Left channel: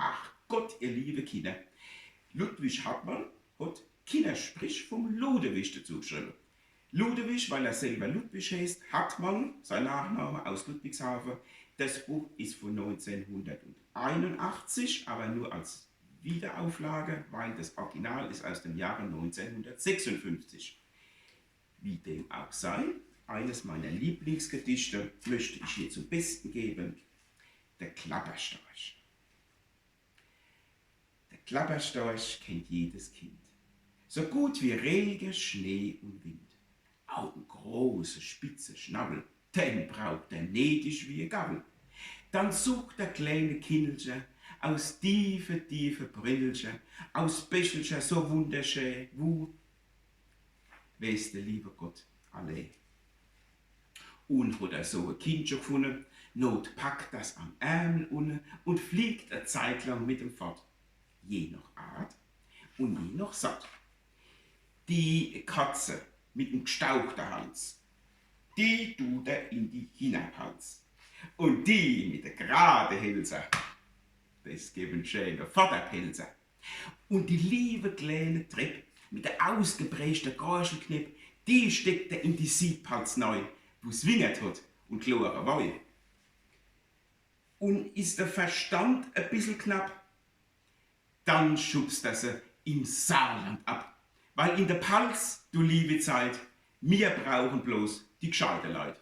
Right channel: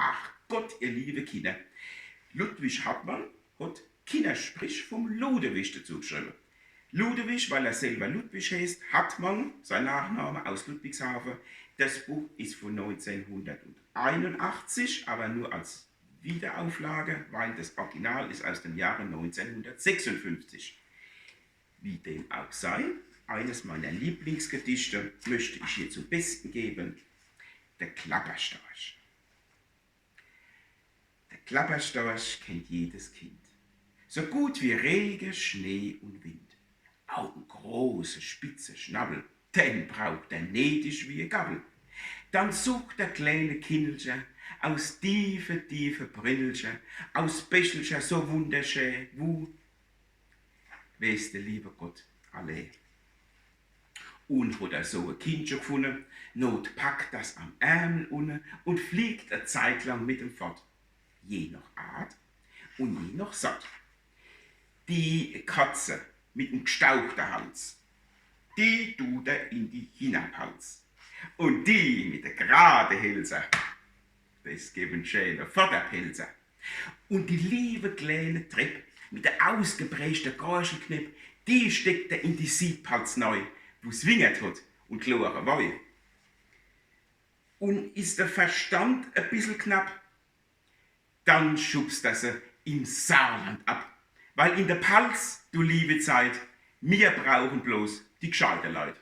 Ach Gott, ihr liebe Kinder. Ludwig Hartmann hat Kindersprich vom Ludewig dazu geschrieben. Ludewig, weil er selber Ludwig heißt, Hartmann, sein Nachname aus Ludwigshafen. Das Buch ist von 1981, aber nur als Wiederauflage, weil das Original ist aus dem Jahre 1956. Wie dem auch sei, eines meiner Lieblingsgedichte möchte ich hier zum Besten geben: Der Klapperstorch. Der Klapperstorch kennt jedes Kind, so gut wie Regen, Schnee und Wind. Augen große, spitze Schnabel, den braucht er nedisch wie ein Gabel. Dann sucht der kleine Kindelchen aus tiefe Brillchen, aus Bächelchen so wunderschön, wo weiß der liebe Gott alle. Und hat er so ein Kindchen gefunden, not packt das am Ärmel unten und fliegt eine Zeit lang mit ihm fort. Je nach Art und je nach satt. Die Katze mit dem gestauchten Hals, die tut er in die Hinabhals. Und die mit der gerade Hälse, das geben schöne Vaterpelze. Und die liebe kleine Treppe mit der ausgeprägten Gorschelknipp, die steckt er in die Siebhals neu, wo es wingert hat und klare Woi. Und ist der Verstand ein bisschen knapp, dann schubst er sie im Saarland ab. Weil in der Pals, du liebe Zeit, wir brauchen bloß die gescheiten Leute.